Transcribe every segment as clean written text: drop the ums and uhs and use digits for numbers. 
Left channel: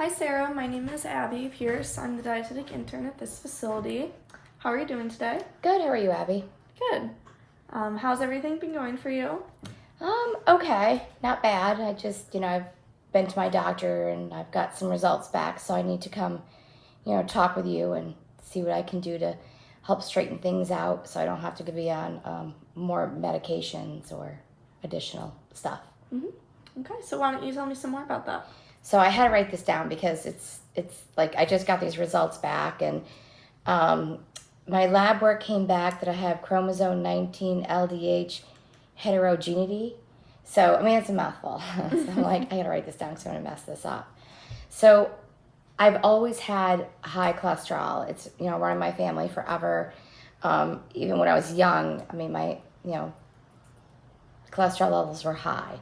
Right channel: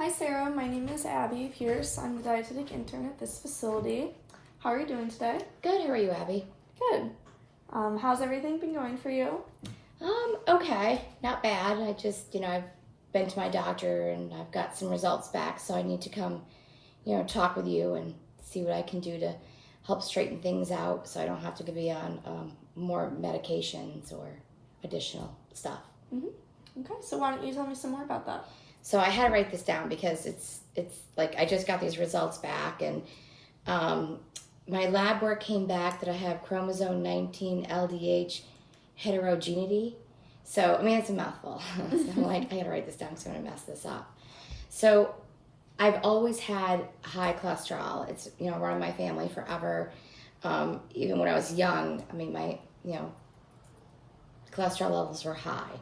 Hi Sarah, my name is Abby Pierce. I'm the dietetic intern at this facility. How are you doing today? Good, how are you, Abby? Good. How's everything been going for you? Okay, not bad. I've been to my doctor and I've got some results back, so I need to come, talk with you and see what I can do to help straighten things out so I don't have to be on more medications or additional stuff. Okay, so why don't you tell me some more about that? So I had to write this down because it's like I just got these results back, and my lab work came back that I have chromosome 19 LDH heterogeneity. So, I mean, it's a mouthful. So I'm like, I gotta write this down because I'm gonna mess this up. So, I've always had high cholesterol. It's, run in my family forever. Even when I was young, I mean, my, cholesterol levels were high.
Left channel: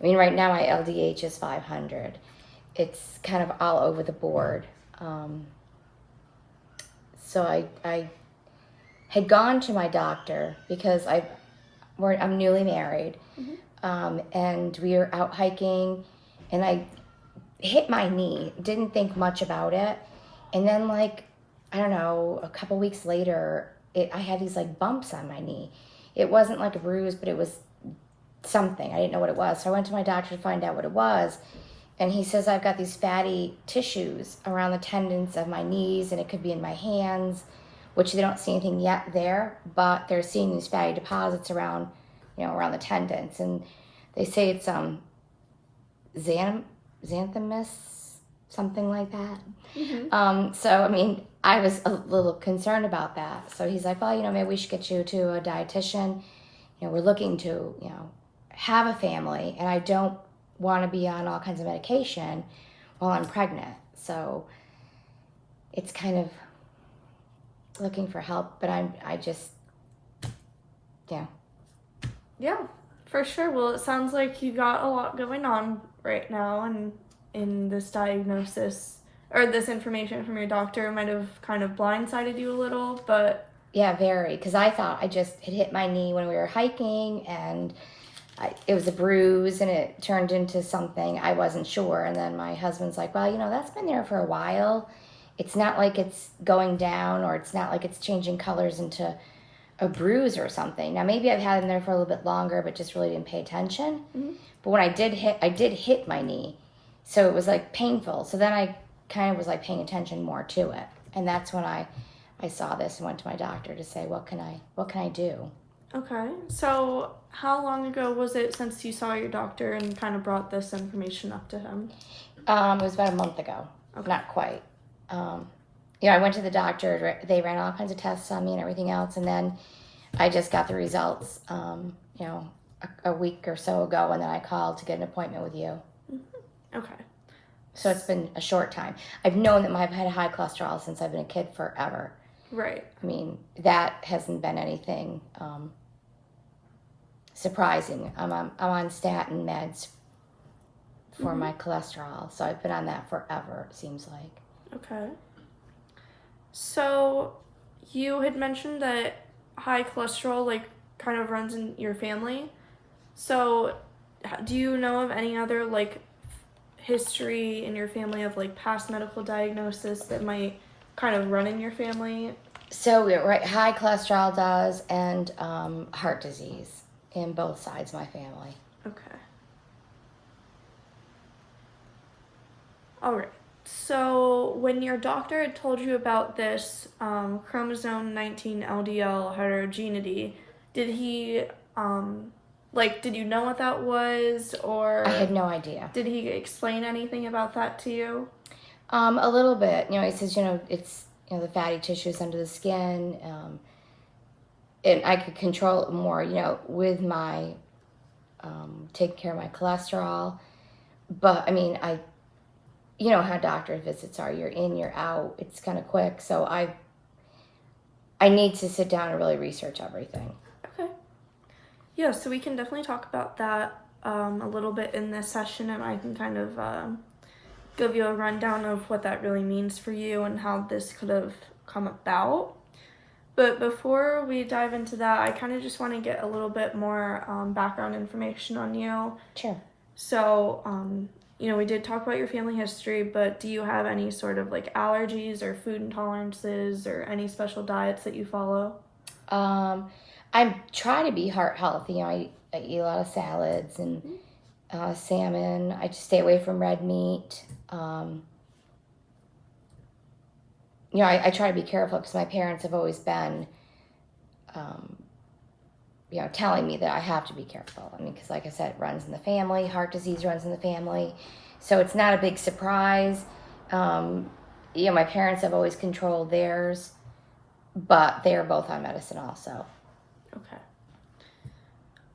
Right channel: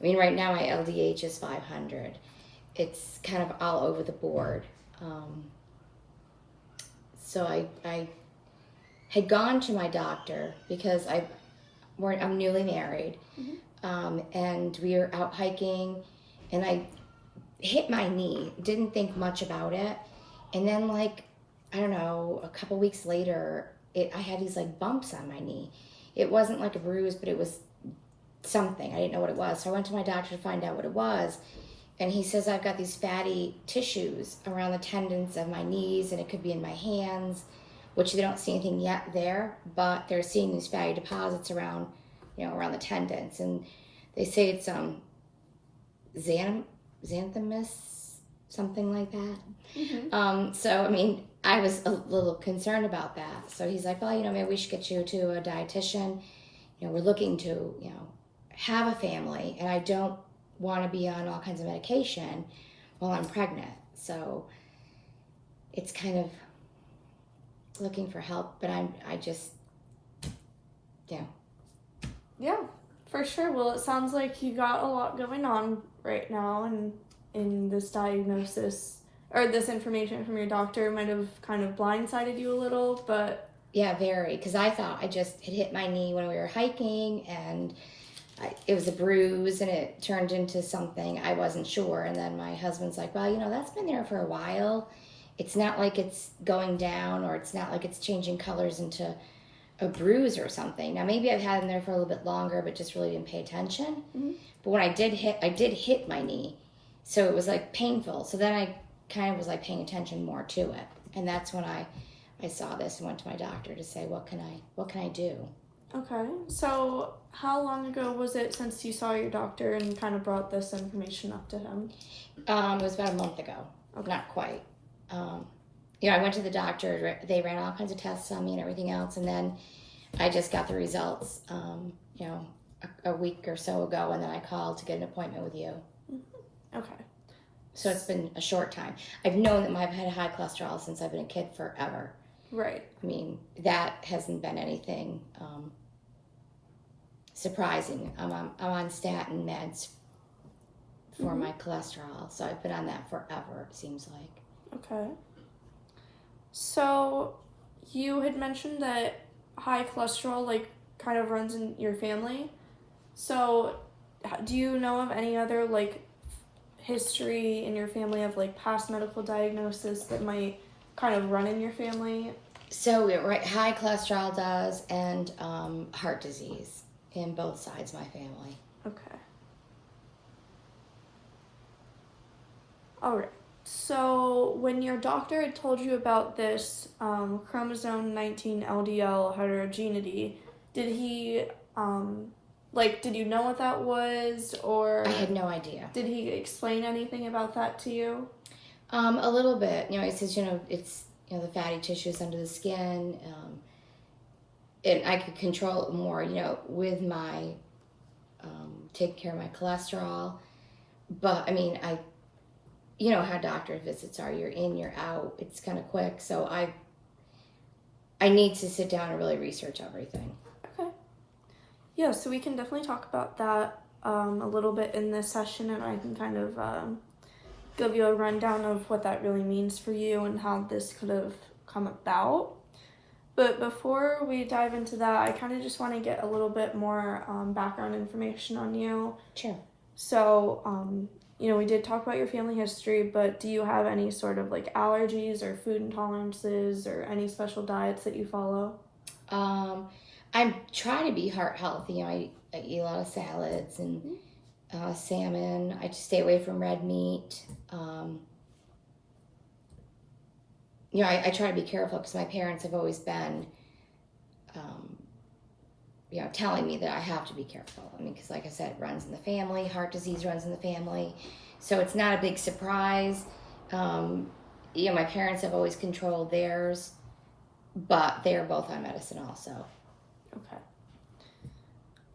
I mean, right now my LDH is 500. It's kind of all over the board. So I had gone to my doctor because I'm newly married, and we were out hiking, and I hit my knee. Didn't think much about it, and then I don't know, a couple weeks later, I had these bumps on my knee. It wasn't like a bruise, but it was something. I didn't know what it was, so I went to my doctor to find out what it was. And he says I've got these fatty tissues around the tendons of my knees, and it could be in my hands, which they don't see anything yet there, but they're seeing these fatty deposits around, around the tendons. And they say it's xanthomas, something like that. So, I mean, I was a little concerned about that. So he's like, well, maybe we should get you to a dietitian. We're looking to, have a family, and I don't want to be on all kinds of medication while I'm pregnant. So it's kind of looking for help, but Yeah, for sure. Well, it sounds like you got a lot going on right now, and in this diagnosis or this information from your doctor might have kind of blindsided you a little, but yeah, very, because I thought it hit my knee when we were hiking, and it was a bruise, and it turned into something. I wasn't sure. And then my husband's like, well, that's been there for a while. It's not like it's going down, or it's not like it's changing colors into a bruise or something. Now, maybe I've had it in there for a little bit longer, but just really didn't pay attention. But when I did hit my knee. So it was painful. So then I kind of was paying attention more to it. And that's when I saw this and went to my doctor to say, what can I do? Okay, so how long ago was it since you saw your doctor and kind of brought this information up to him? It was about a month ago. Okay. Not quite. I went to the doctor. They ran all kinds of tests on me and everything else, and then I just got the results, a week or so ago, and then I called to get an appointment with you. Okay. So it's been a short time. I've known that I've had high cholesterol since I've been a kid forever. Right. I mean, that hasn't been anything surprising. I'm on statin meds for my cholesterol, so I've been on that forever, it seems like. Okay. So you had mentioned that high cholesterol kind of runs in your family. So do you know of any other history in your family of past medical diagnosis that might kind of run in your family? So high cholesterol does, and heart disease in both sides of my family. Okay. All right. So when your doctor had told you about this chromosome 19 LDL heterogeneity, did he did you know what that was, or I had no idea. Did he explain anything about that to you? A little bit. He says, it's the fatty tissues under the skin, and I could control it more, with my taking care of my cholesterol. But I mean, how doctor visits are. You're in, you're out. It's kind of quick. So I need to sit down and really research everything. Okay. Yeah, so we can definitely talk about that a little bit in this session, and I can kind of give you a rundown of what that really means for you and how this could have come about. But before we dive into that, I kind of just want to get a little bit more background information on you. Sure. So you know, we did talk about your family history, but do you have any sort of like allergies or food intolerances or any special diets that you follow? I'm trying to be heart healthy. I eat a lot of salads and salmon. I just stay away from red meat. I try to be careful because my parents have always been, telling me that I have to be careful. I mean, because like I said, it runs in the family. Heart disease runs in the family. So it's not a big surprise. My parents have always controlled theirs, but they are both on medicine also. Okay.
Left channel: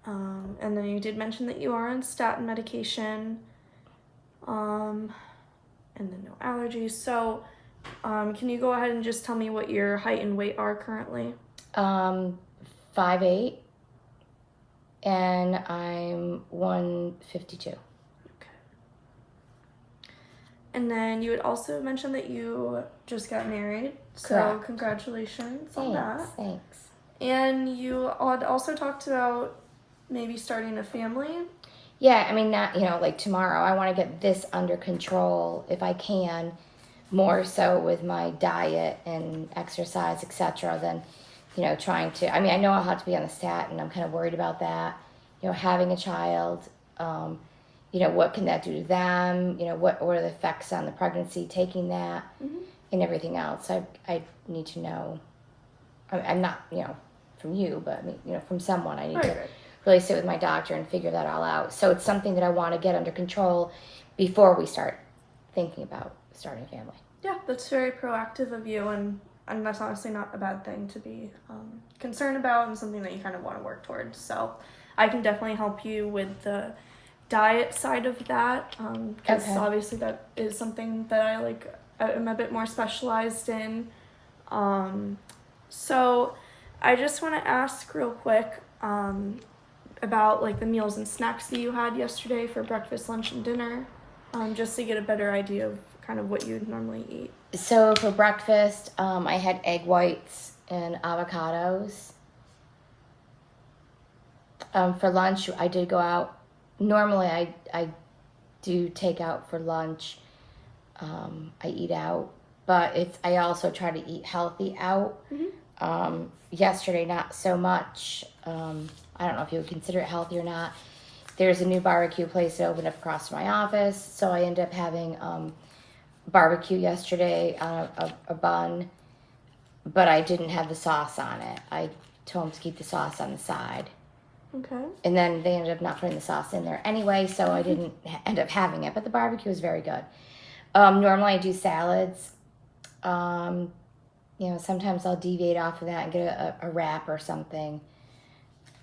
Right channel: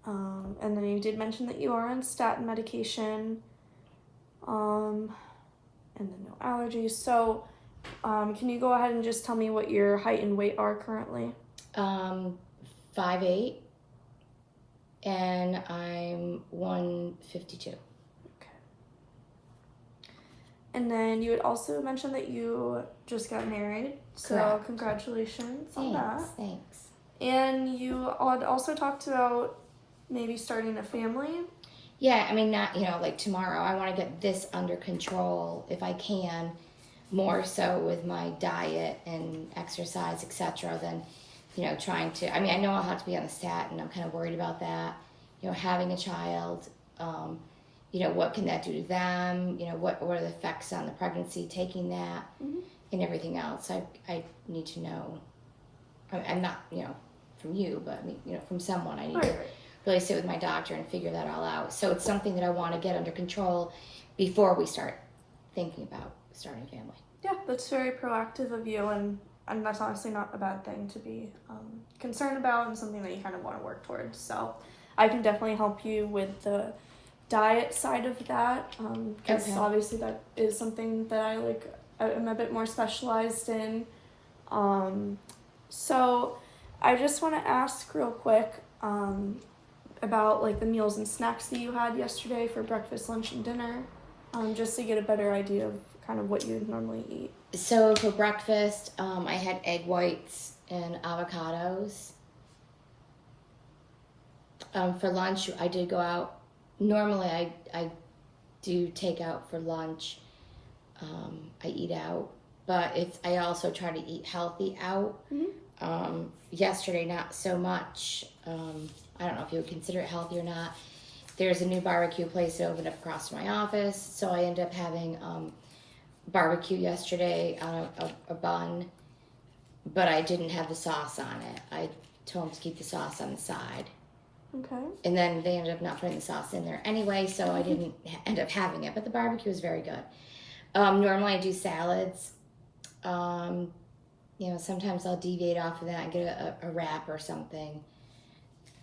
And then you did mention that you are on statin medication, and then no allergies. So, can you go ahead and just tell me what your height and weight are currently? 5'8", and I'm 152. Okay. And then you had also mentioned that you just got married. So Correct. Congratulations on that. Thanks. And you had also talked about maybe starting a family. Yeah, I mean, not, like tomorrow. I want to get this under control if I can, more so with my diet and exercise, etc., than, trying to. I mean, I know I'll have to be on a statin. I'm kind of worried about that. Having a child, what can that do to them? What are the effects on the pregnancy, taking that, and everything else. I need to know. I'm not, from you, but, from someone. I need to really sit with my doctor and figure that all out. So it's something that I want to get under control before we start thinking about starting a family. Yeah, that's very proactive of you, and that's honestly not a bad thing to be concerned about, and something that you kind of want to work towards. So I can definitely help you with the diet side of that, because obviously that is something that I'm a bit more specialized in. So I just want to ask real quick about like the meals and snacks that you had yesterday for breakfast, lunch, and dinner, just to get a better idea of kind of what you would normally eat. So for breakfast, I had egg whites and avocados. For lunch, I did go out. Normally, I do take out for lunch. I eat out, but I also try to eat healthy out. Yesterday, not so much. I don't know if you would consider it healthy or not. There's a new barbecue place that opened up across from my office, so I ended up having barbecue yesterday on a bun, but I didn't have the sauce on it. I told them to keep the sauce on the side. Okay. And then they ended up not putting the sauce in there anyway, so I didn't end up having it, but the barbecue was very good. Normally I do salads. Sometimes I'll deviate off of that and get a wrap or something.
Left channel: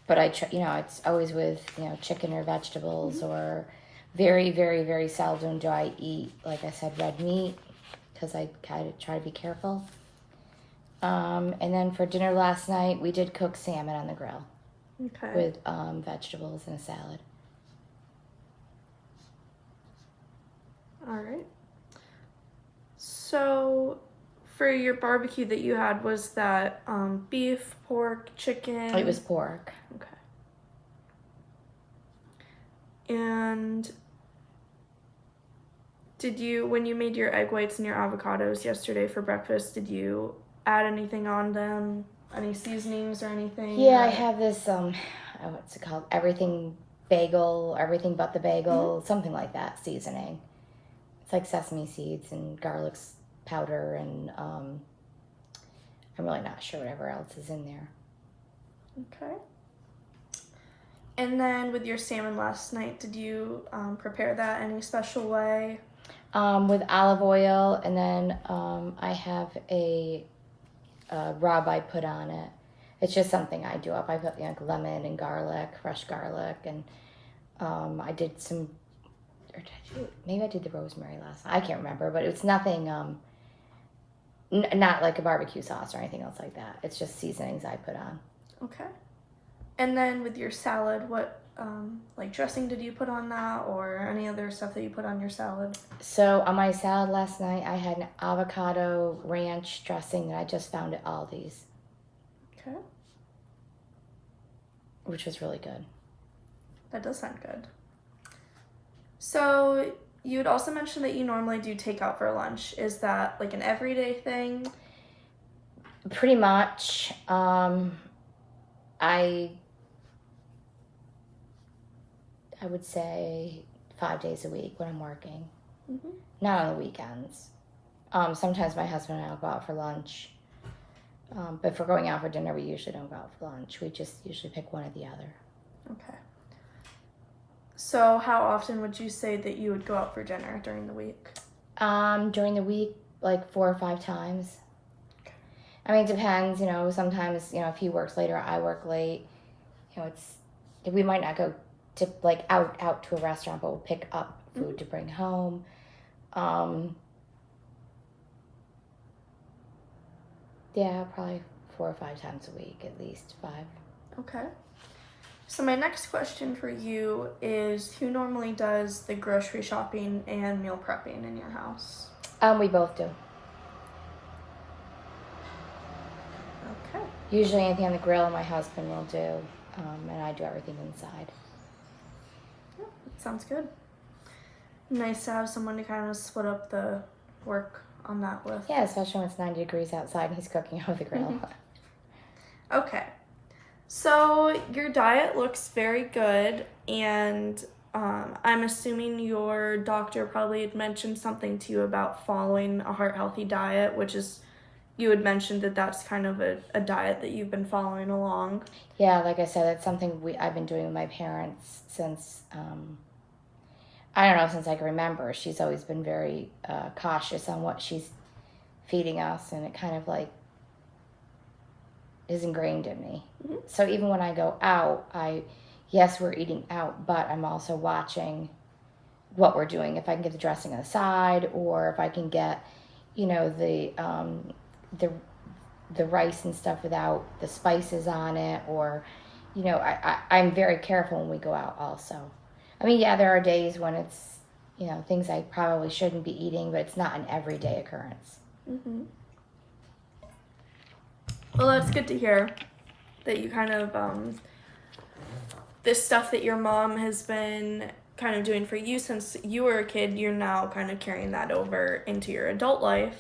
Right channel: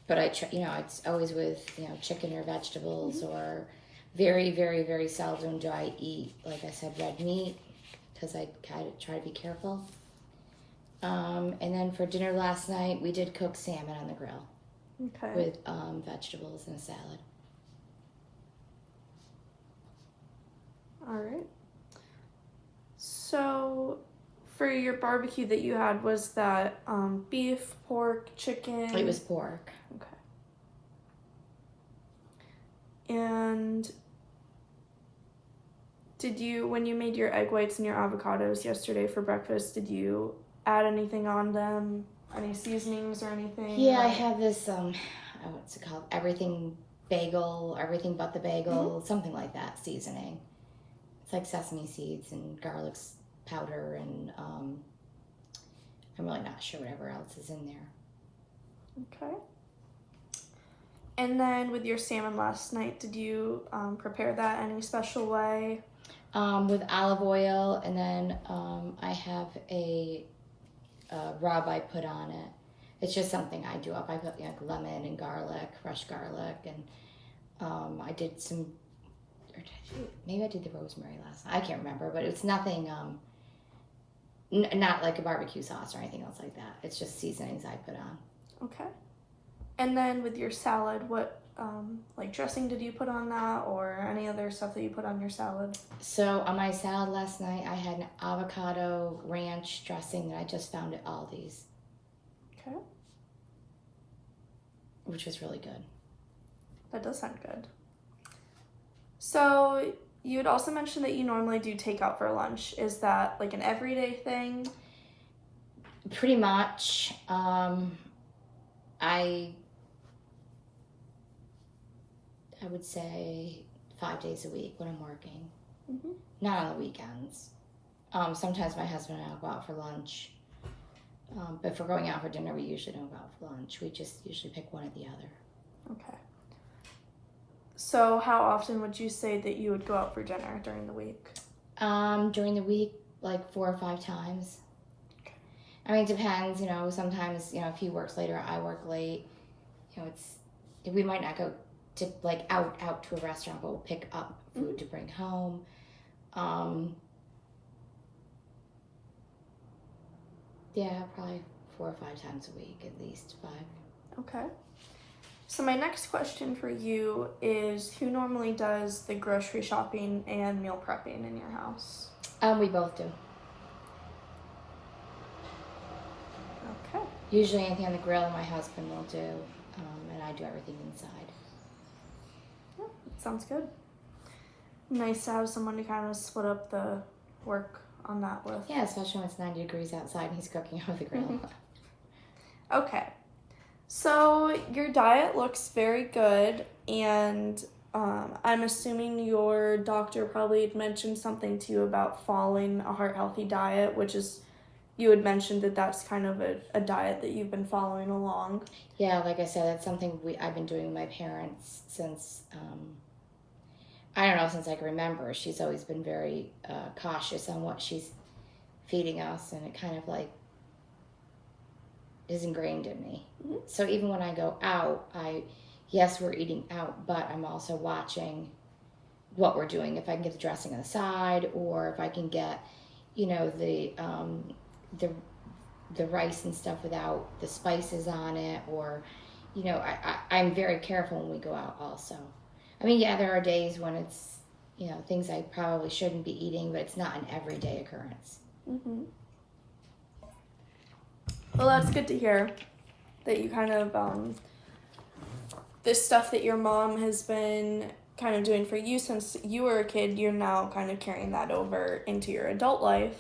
But it's always with, chicken or vegetables, or very, very, very seldom do I eat, like I said, red meat, because I kind of try to be careful. And then for dinner last night, we did cook salmon on the grill. Okay. With vegetables and a salad. All right. So for your barbecue that you had, was that beef, pork, chicken? It was pork. Okay. And when you made your egg whites and your avocados yesterday for breakfast, did you add anything on them? Any seasonings or anything? Yeah, I have this, what's it called? Everything bagel, everything but the bagel, something like that seasoning. It's like sesame seeds and garlic powder, and I'm really not sure whatever else is in there. Okay. And then with your salmon last night, did you prepare that any special way? With olive oil, and then I have a rub I put on it. It's just something I do up. I put lemon and garlic, fresh garlic, and I did some, maybe I did the rosemary last night. I can't remember, but it's nothing, not like a barbecue sauce or anything else like that. It's just seasonings I put on. Okay. And then with your salad, what dressing did you put on that, or any other stuff that you put on your salad? So on my salad last night, I had an avocado ranch dressing that I just found at Aldi's. Okay. Which was really good. That does sound good. So you had also mentioned that you normally do takeout for lunch. Is that like an everyday thing? Pretty much. I would say 5 days a week when I'm working. Mm-hmm. Not on the weekends. Sometimes my husband and I will go out for lunch. But if we're going out for dinner, we usually don't go out for lunch. We just usually pick one or the other. Okay. So how often would you say that you would go out for dinner during the week? During the week, like 4 or 5 times. I mean, it depends, sometimes, if he works late or I work late, we might not go to, like, out to a restaurant, but we'll pick up food to bring home. Yeah, probably 4 or 5 times a week, at least 5. Okay. So my next question for you is, who normally does the grocery shopping and meal prepping in your house? We both do. Okay. Usually anything on the grill my husband will do, and I do everything inside. Yeah, sounds good. Nice to have someone to kind of split up the work on that with. Yeah, especially when it's 90 degrees outside and he's cooking over the grill. Okay. So your diet looks very good, and I'm assuming your doctor probably had mentioned something to you about following a heart-healthy diet, which is, you had mentioned that that's kind of a diet that you've been following along. Yeah, like I said, that's something I've been doing with my parents since, I don't know, since I can remember. She's always been very cautious on what she's feeding us, and it kind of like is ingrained in me. Mm-hmm. So even when I go out, yes, we're eating out, but I'm also watching what we're doing. If I can get the dressing on the side, or if I can get, the rice and stuff without the spices on it, or, I'm very careful when we go out also. I mean, yeah, there are days when it's, things I probably shouldn't be eating, but it's not an everyday occurrence. Mm-hmm. Well, that's good to hear that you kind of, this stuff that your mom has been kind of doing for you since you were a kid, you're now kind of carrying that over into your adult life,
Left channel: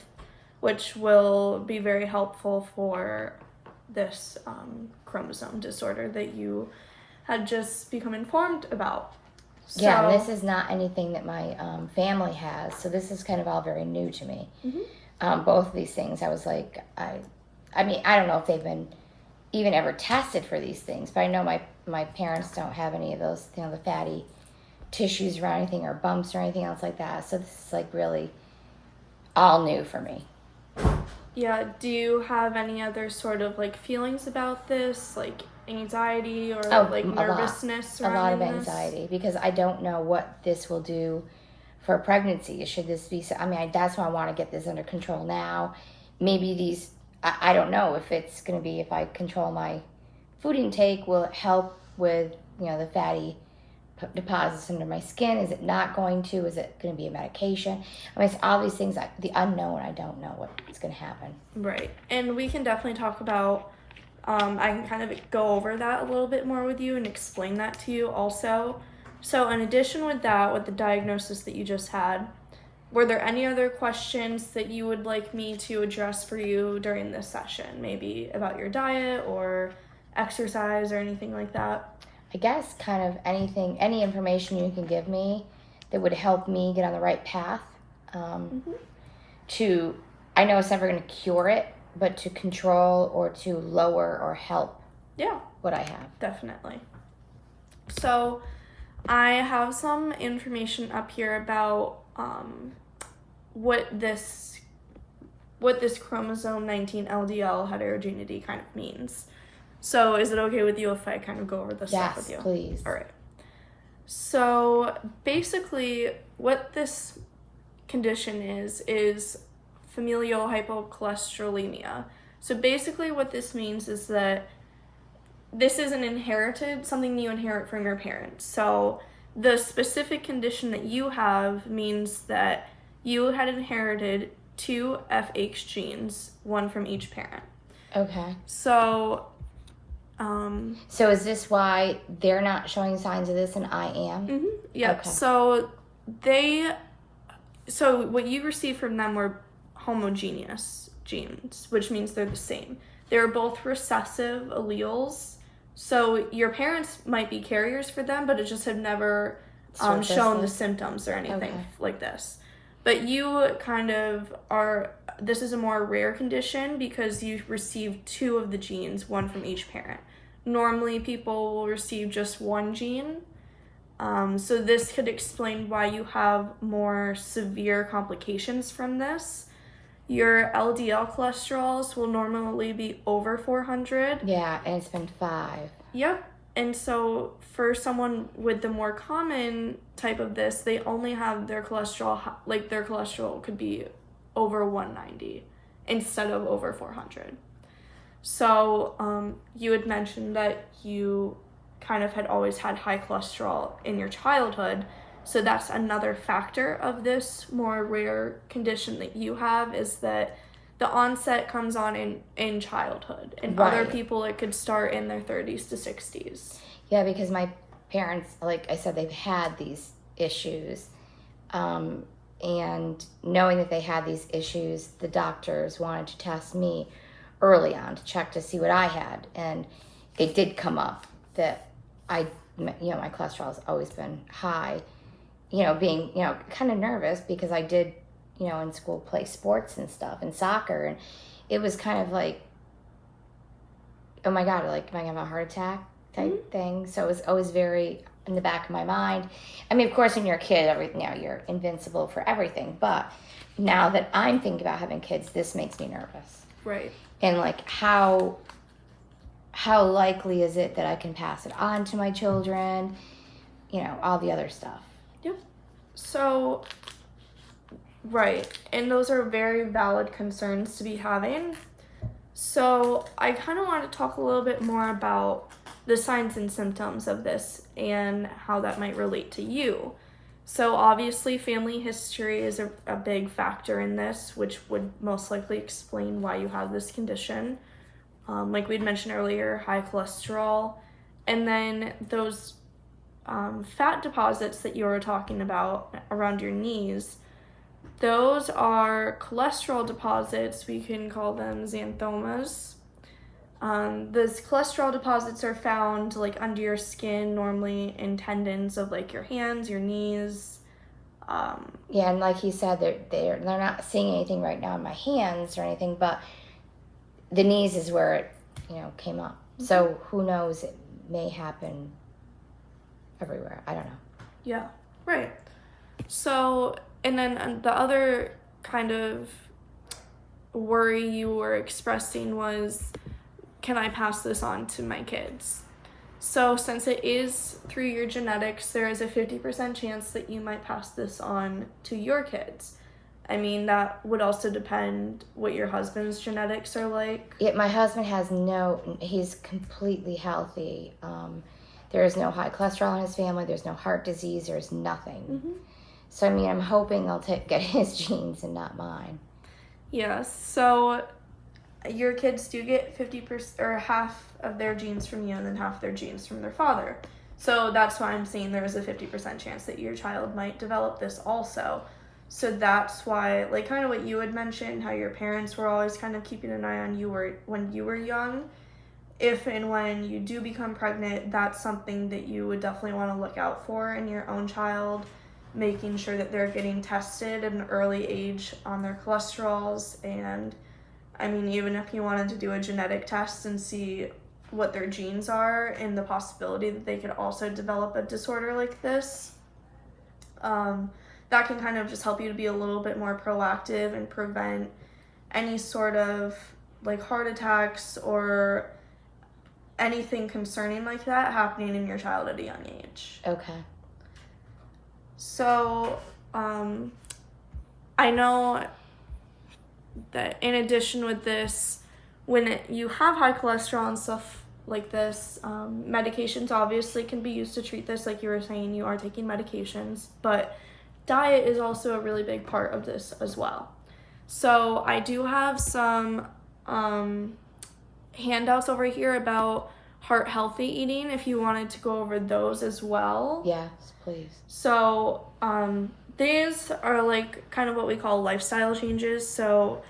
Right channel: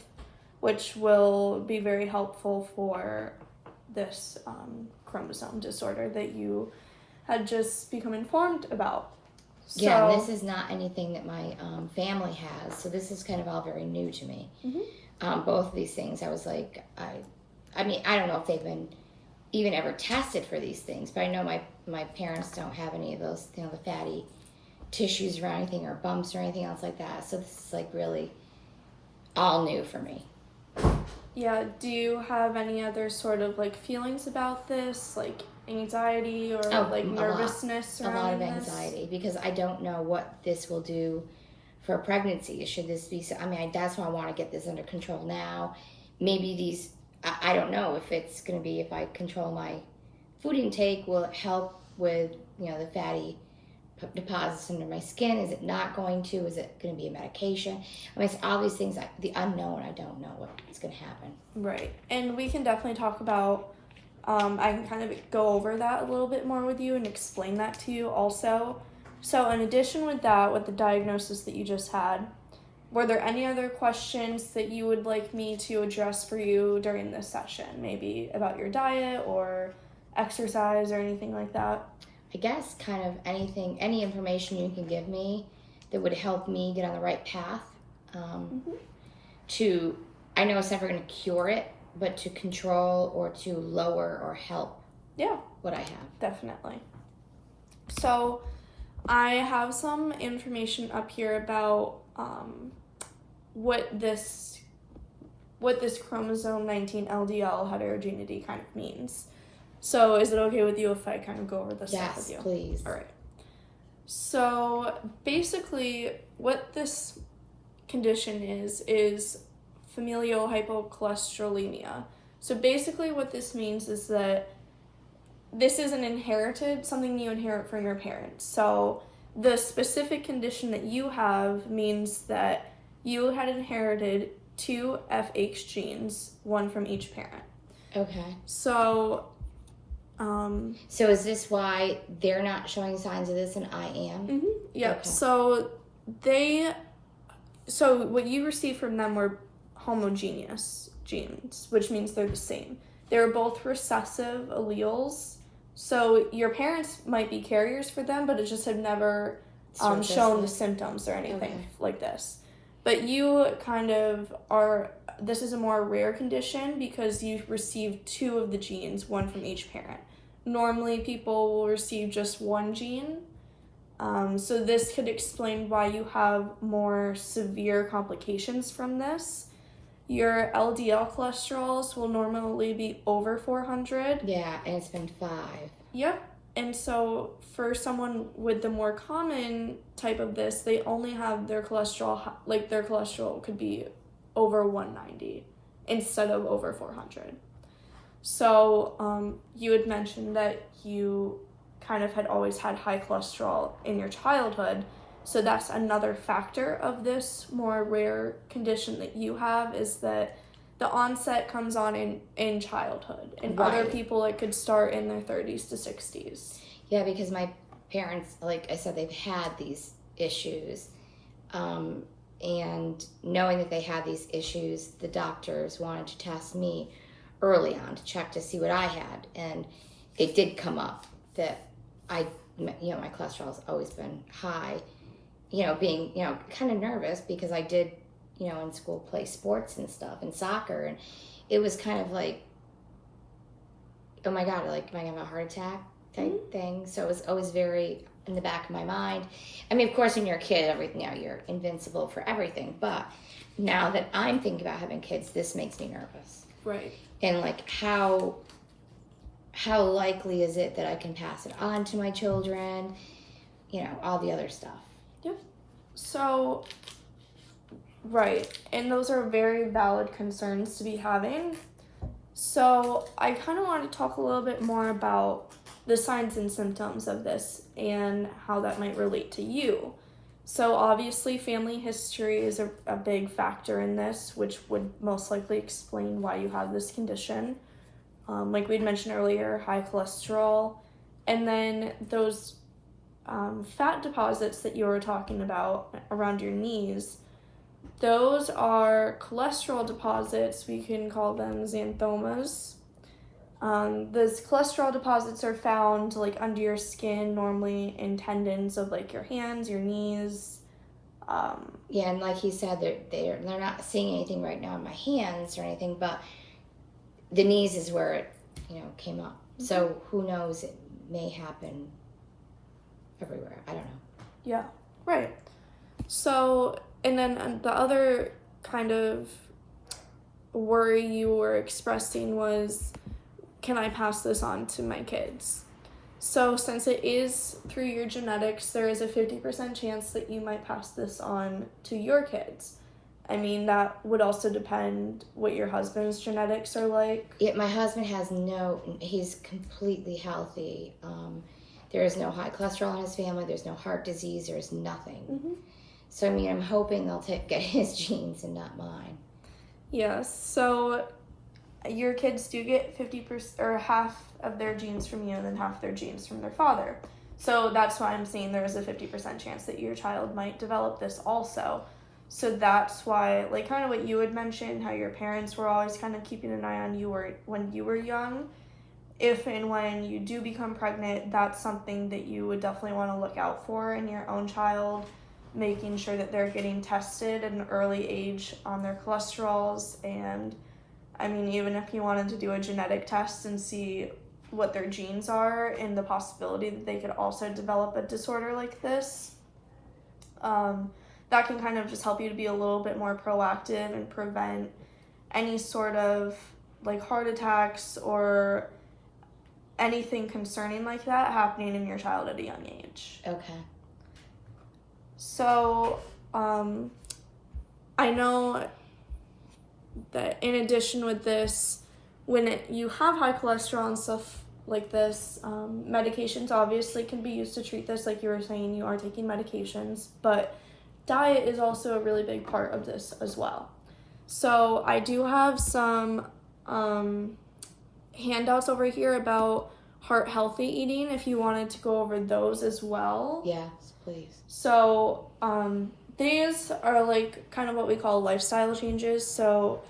which will be very helpful for this chromosome disorder that you had just become informed about. So, yeah, this is not anything that my family has, so this is kind of all very new to me. Mm-hmm. Both of these things, I was like, I mean, I don't know if they've been even ever tested for these things, but I know my parents don't have any of those, the fatty tissues around anything, or bumps or anything else like that. So this is like really all new for me. Yeah, do you have any other sort of like feelings about this, like anxiety or like nervousness? A lot of anxiety, because I don't know what this will do for a pregnancy. Should this be, I mean, that's why I want to get this under control now. Maybe these, I don't know if it's going to be, if I control my food intake, will it help with, the fatty deposits under my skin? Is it not going to? Is it going to be a medication? I mean, it's all these things, the unknown, I don't know what's going to happen. Right. And we can definitely talk about, I can kind of go over that a little bit more with you and explain that to you also. So in addition with that, with the diagnosis that you just had, were there any other questions that you would like me to address for you during this session? Maybe about your diet or exercise or anything like that? I guess kind of anything, any information you can give me that would help me get on the right path. I know it's never going to cure it, but to control or to lower or help what I have. Definitely. So I have some information up here about what this chromosome 19 LDL heterogeneity kind of means. So is it okay with you if I kind of go over this stuff with you? Yes, please. All right. So basically what this condition is familial hypercholesterolemia. So basically what this means is that this is something you inherit from your parents. So the specific condition that you have means that you had inherited 2 FH genes, one from each parent. Okay. So is this why they're not showing signs of this and I am? Mm-hmm. Yep. Okay. So they so what you received from them were homogeneous genes, which means they're the same. They were both recessive alleles. So your parents might be carriers for them, but it just had never shown the symptoms or anything like this. But you kind of are, this is a more rare condition because you received 2 of the genes, one from each parent. Normally people will receive just 1 gene. So this could explain why you have more severe complications from this. Your LDL cholesterols will normally be over 400. Yeah, and it's been 5. Yep. And so for someone with the more common type of this, they only have their cholesterol, like their cholesterol could be over 190 instead of over 400. So you had mentioned that you kind of had always had high cholesterol in your childhood. So that's another factor of this more rare condition that you have, is that the onset comes on in childhood. And other people, it could start in their 30s to 60s. Yeah, because my parents, like I said, they've had these issues. And knowing that they had these issues, the doctors wanted to test me early on to check to see what I had. And it did come up that my cholesterol has always been high. Being, kind of nervous because I did, in school play sports and stuff and soccer. And it was kind of like, oh my God, like, am I going to have a heart attack type thing? So it was always very in the back of my mind. I mean, of course, when you're a kid, you're invincible for everything. But now that I'm thinking about having kids, this makes me nervous. Right. And like, how likely is it that I can pass it on to my children? All the other stuff. Yep. So, right. And those are very valid concerns to be having. So I kind of want to talk a little bit more about the signs and symptoms of this and how that might relate to you. So obviously family history is a big factor in this, which would most likely explain why you have this condition. Like we'd mentioned earlier, high cholesterol, and then those fat deposits that you were talking about around your knees, those are cholesterol deposits. We can call them xanthomas. Those cholesterol deposits are found like under your skin, normally in tendons of like your hands, your knees. Yeah, and like he said, they're not seeing anything right now in my hands or anything, but the knees is where it came up. So who knows? It may happen everywhere. I don't know. Yeah, right. So, and then the other kind of worry you were expressing was, can I pass this on to my kids? So since it is through your genetics, there is a 50% chance that you might pass this on to your kids. I mean, that would also depend what your husband's genetics are like. Yeah, my husband he's completely healthy. There is no high cholesterol in his family. There's no heart disease. There's nothing. So, I mean, I'm hoping they'll get his genes and not mine. Yes. So your kids do get 50% or half of their genes from you and then half their genes from their father. So that's why I'm saying there's a 50% chance that your child might develop this also. So that's why, like kind of what you had mentioned, how your parents were always kind of keeping an eye on you when you were young. If and when you do become pregnant, that's something that you would definitely want to look out for in your own child, making sure that they're getting tested at an early age on their cholesterols. And I mean, even if you wanted to do a genetic test and see what their genes are and the possibility that they could also develop a disorder like this, that can kind of just help you to be a little bit more proactive and prevent any sort of like heart attacks or anything concerning like that happening in your child at a young age. Okay. So, I know that in addition with this, when you have high cholesterol and stuff like this, medications obviously can be used to treat this. Like you were saying, you are taking medications, but diet is also a really big part of this as well. So I do have some handouts over here about heart healthy eating if you wanted to go over those as well. Yes, please. So these are like kind of what we call lifestyle changes. So,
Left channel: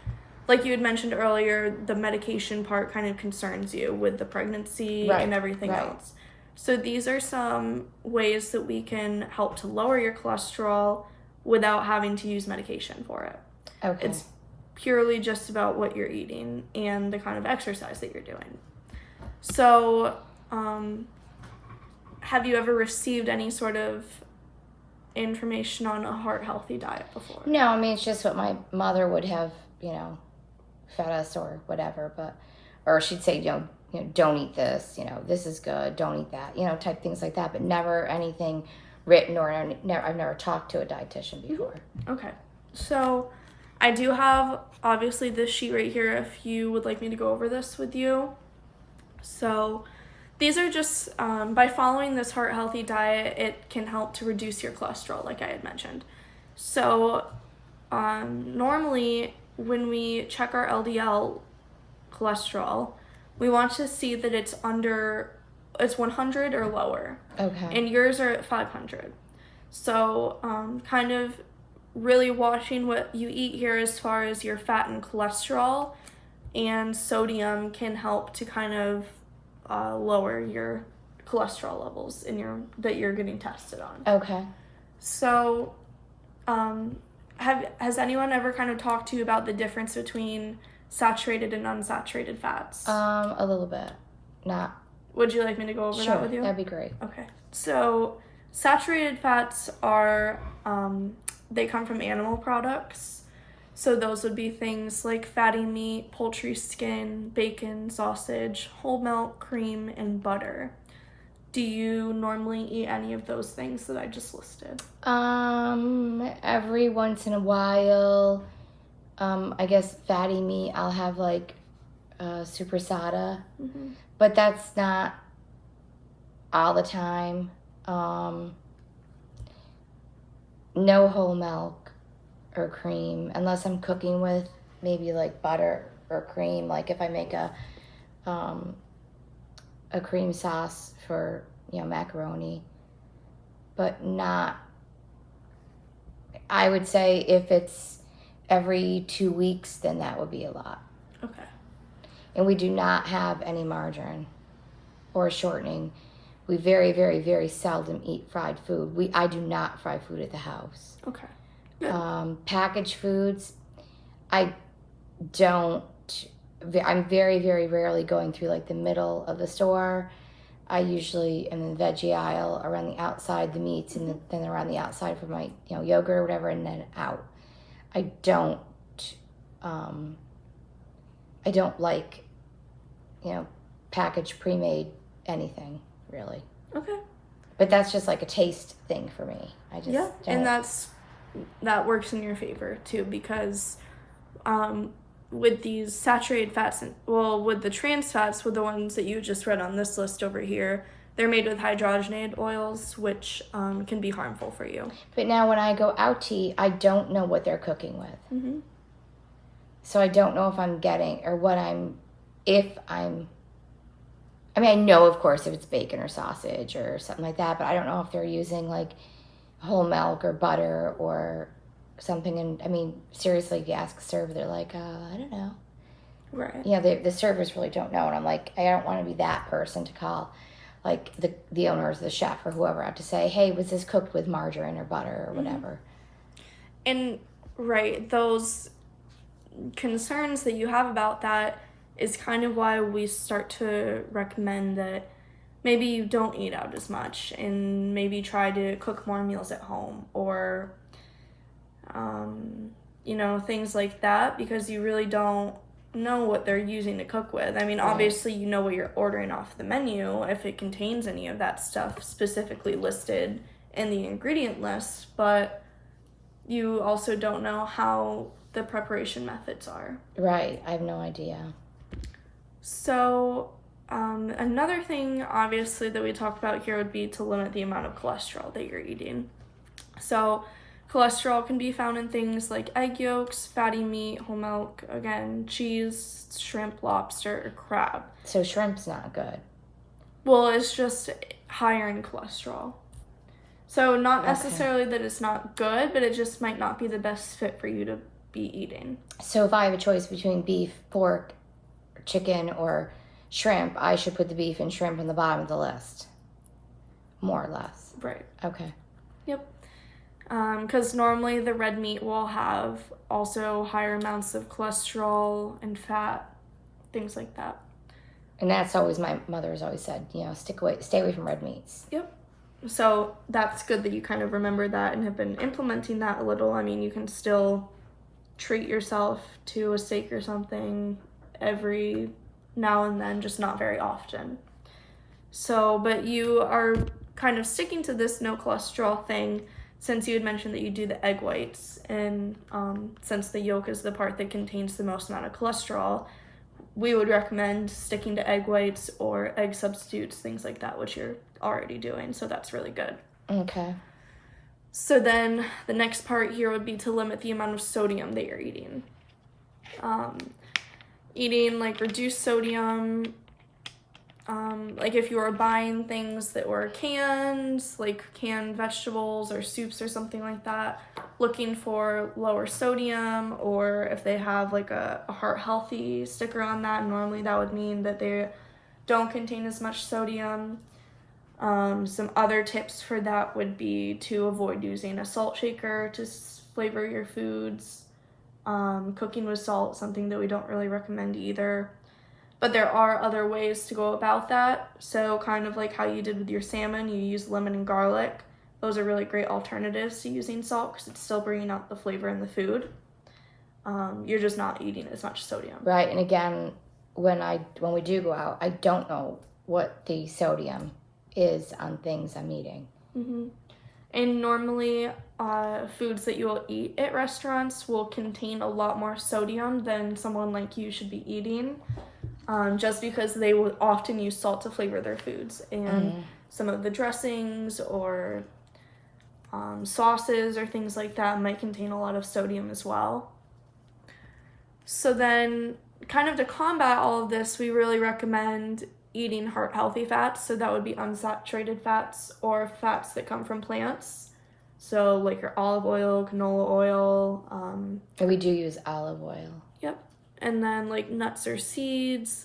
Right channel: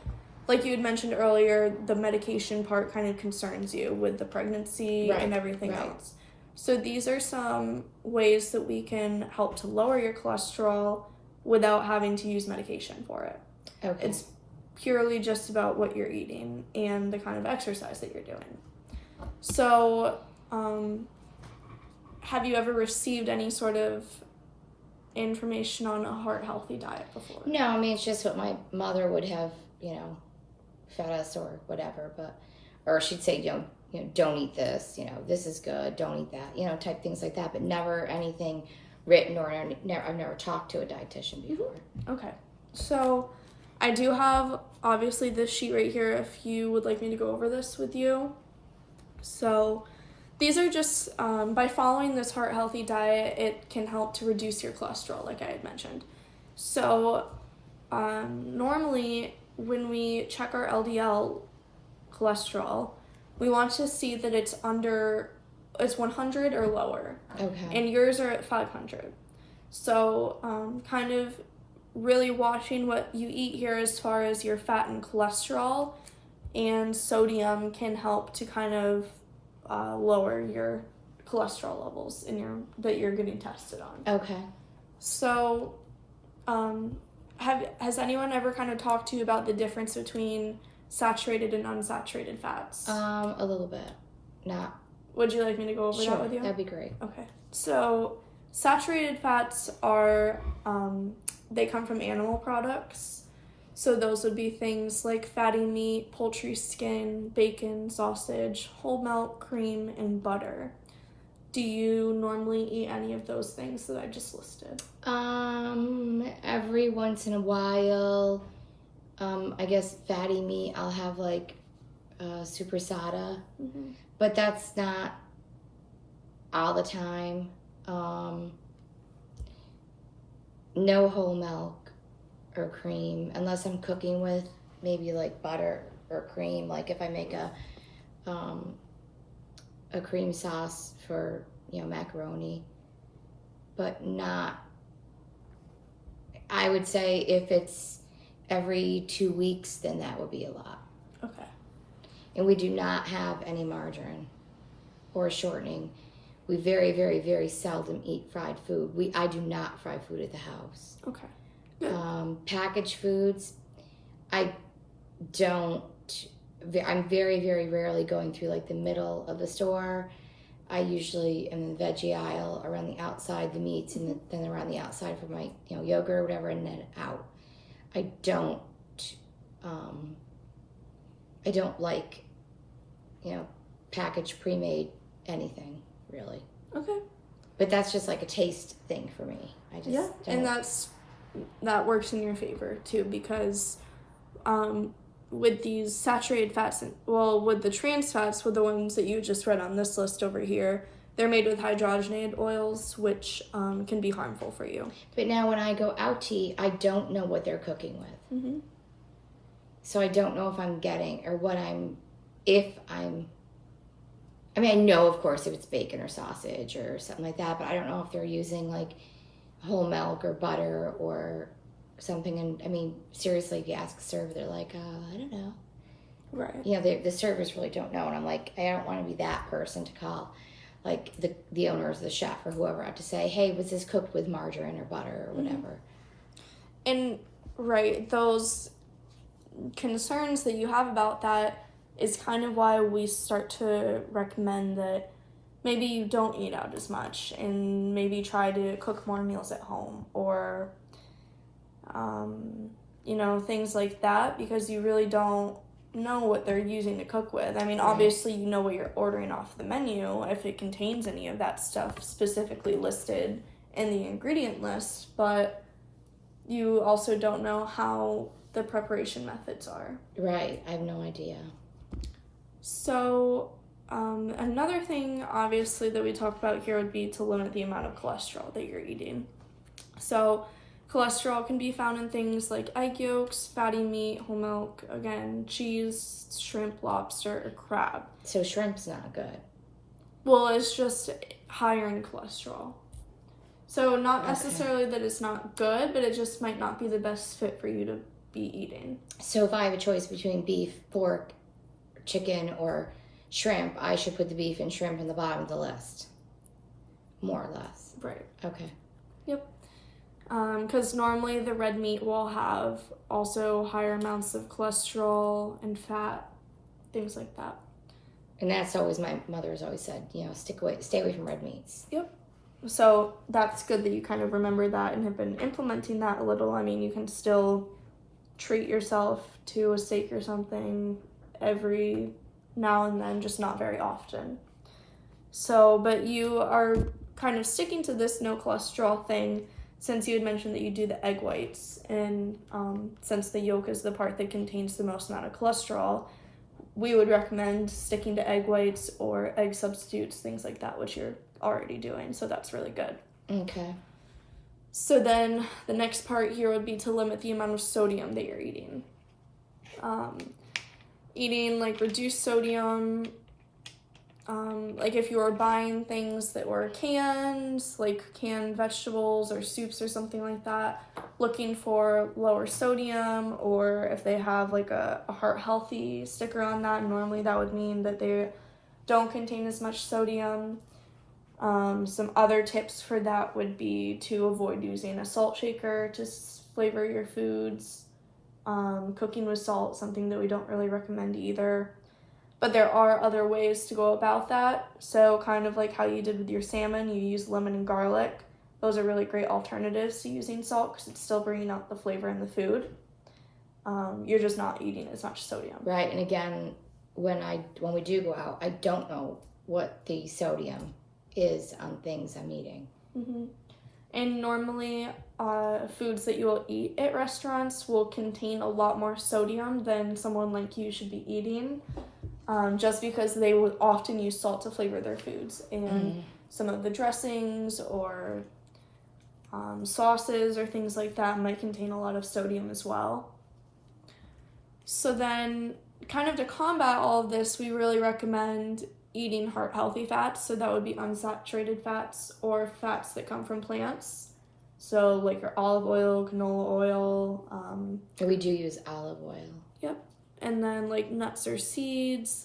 like you had mentioned earlier, the medication part kind of concerns you with the pregnancy Right, and everything right. else. So these are some ways that we can help to lower your cholesterol without having to use medication for it. Okay. It's purely just about what you're eating and the kind of exercise that you're doing. So, have you ever received any sort of information on a heart-healthy diet before? No, I mean, it's just what my mother would have, you know, fed us or whatever, or she'd say, don't eat this, this is good, don't eat that, type things like that, but never anything written, or I've never talked to a dietitian before. Okay, so I do have obviously this sheet right here if you would like me to go over this with you. So these are just, by following this heart healthy diet, it can help to reduce your cholesterol, like I had mentioned. So normally when we check our LDL cholesterol, we want to see that it's 100 or lower. Okay. And yours are at 500. So kind of really watching what you eat here as far as your fat and cholesterol and sodium can help to kind of lower your cholesterol levels that you're getting tested on. Okay. So has anyone ever kind of talked to you about the difference between saturated and unsaturated fats? A little bit. Not. Would you like me to go over Sure, that with you? That'd be great. Okay. So saturated fats are, they come from animal products. So those would be things like fatty meat, poultry skin, bacon, sausage, whole milk, cream, and butter. Do you normally eat any of those things that I just listed? Every once in a while, I guess fatty meat, I'll have like supersada, but that's not all the time. No whole milk or cream, unless I'm cooking with maybe like butter or cream, like if I make a cream sauce for macaroni, but not, I would say if it's every 2 weeks, then that would be a lot. Okay. And we do not have any margarine or shortening. We very, very, very seldom eat fried food. I do not fry food at the house. Okay. Good. Packaged foods, I'm very, very rarely going through like the middle of the store. I usually am in the veggie aisle, around the outside, the meats, and then around the outside for my yogurt or whatever, and then out. I don't like packaged pre-made anything really. Okay. But that's just like a taste thing for me. I just Yeah, don't. and that works in your favor too, because with these saturated fats, with the trans fats, with the ones that you just read on this list over here, they're made with hydrogenated oils, which can be harmful for you. But now when I go out to eat, I don't know what they're cooking with. Mm-hmm. So I don't know if I'm getting, or I know, of course, if it's bacon or sausage or something like that, but I don't know if they're using like whole milk or butter or something. And I mean, seriously, if you ask a server, they're like, I don't know. Right. Yeah, the servers really don't know. And I'm like, I don't want to be that person to call like the owners, the chef or whoever out to say, hey, was this cooked with margarine or butter or whatever? And right, those concerns that you have about that is kind of why we start to recommend that maybe you don't eat out as much and maybe try to cook more meals at home, or things like that, because you really don't know what they're using to cook with. I mean, obviously you know what you're ordering off the menu if it contains any of that stuff specifically listed in the ingredient list, but you also don't know how the preparation methods are. Right, I have no idea. So another thing, obviously, that we talked about here would be to limit the amount of cholesterol that you're eating. So cholesterol can be found in things like egg yolks, fatty meat, whole milk, again, cheese, shrimp, lobster, or crab. So shrimp's not good. Well, it's just higher in cholesterol. So not Okay. necessarily that it's not good, but it just might not be the best fit for you to be eating. So if I have a choice between beef, pork, chicken, or shrimp, I should put the beef and shrimp on the bottom of the list, more or less. Right. Okay. Because normally the red meat will have also higher amounts of cholesterol and fat, things like that. And that's always, my mother has always said, stay away from red meats. So that's good that you kind of remember that and have been implementing that a little. I mean, you can still treat yourself to a steak or something every now and then, just not very often. So, but you are kind of sticking to this no cholesterol thing since you had mentioned that you do the egg whites, and since the yolk is the part that contains the most amount of cholesterol, we would recommend sticking to egg whites or egg substitutes, things like that, which you're already doing, so that's really good. Okay. So then the next part here would be to limit the amount of sodium that you're eating. Eating like reduced sodium, like if you were buying things that were canned, like canned vegetables or soups or something like that, looking for lower sodium, or if they have like a heart healthy sticker on that, normally that would mean that they don't contain as much sodium. Some other tips for that would be to avoid using a salt shaker to flavor your foods. Cooking with salt, something that we don't really recommend either. But there are other ways to go about that. So kind of like how you did with your salmon, you use lemon and garlic. Those are really great alternatives to using salt because it's still bringing out the flavor in the food. You're just not eating as much sodium. Right, and again, when we do go out, I don't know what the sodium is on things I'm eating. Mm-hmm. And normally, foods that you will eat at restaurants will contain a lot more sodium than someone like you should be eating, just because they will often use salt to flavor their foods. And some of the dressings or sauces or things like that might contain a lot of sodium as well. So then, kind of to combat all of this, we really recommend eating heart-healthy fats. So that would be unsaturated fats or fats that come from plants. So like your olive oil, canola oil. We do use olive oil. Yep. And then like nuts or seeds.